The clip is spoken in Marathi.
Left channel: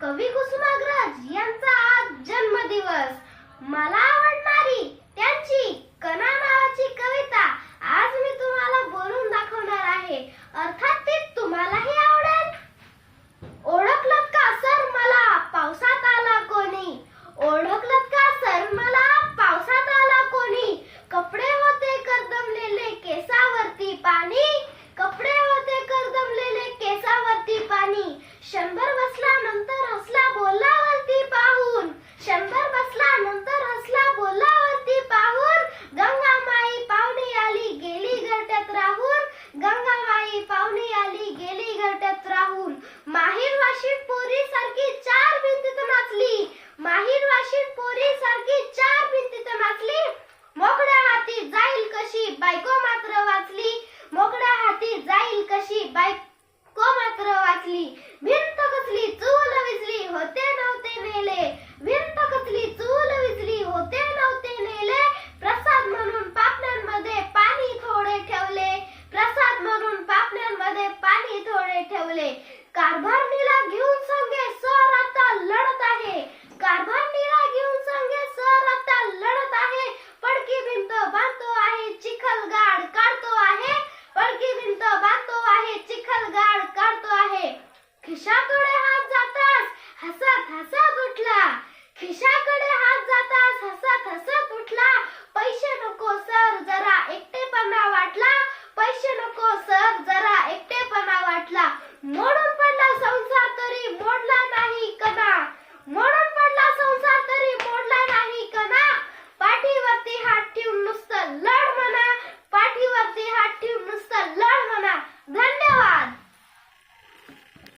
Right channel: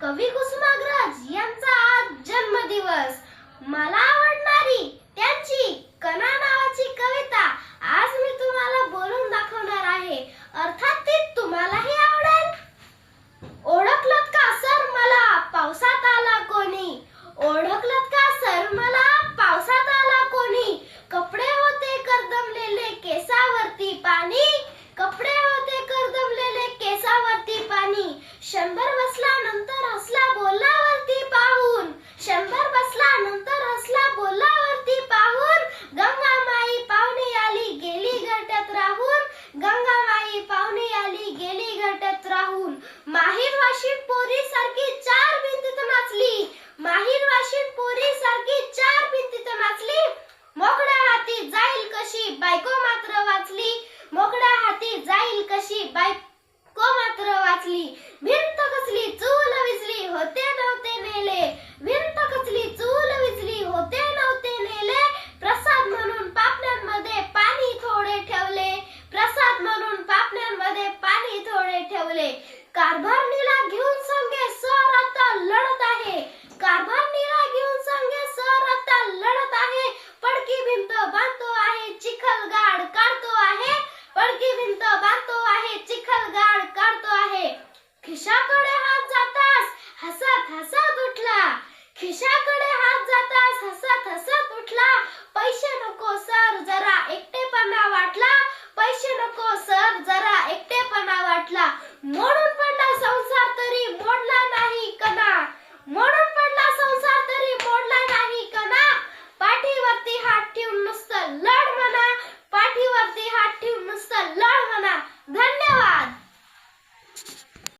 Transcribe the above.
कवी कुसुमाग्रज यांचा आज जन्मदिवस. मला बसला नंतर हसला बोलला वरती पाहून. शंभर बसला नंतर हसला बोलला वरती पाहून. गंगा माई पाहुणे आली गेली घरट्यात राहून. गंगा माई पाहुणे आली गेली घरट्यात राहून. माहीर वाशी पोरी सारखी चार भिंतीत नाचली. माहीर वाशिक पोरी सारखी चार भिंतीत नाचली. मोकड्या हाती जाईल कशी बायको मात्र वाचली. मोकड्या हाती जाईल कशी बायको मात्र वाचली. ठेवले कारभारणीला घेऊन संघे सर आता लढत आहे. कारभार कारभारणीला घेऊन संघे सर आता लढत आहे. पडकी भिंत बांधतो आहे चिखल गाड काढतो आहे. पडकी भिंत बांधतो आहे चिखल गाड काढतो आहे. खिशाकडे हात जातास हसत हसत उठला. खिशाकडे हात जातास हसत moro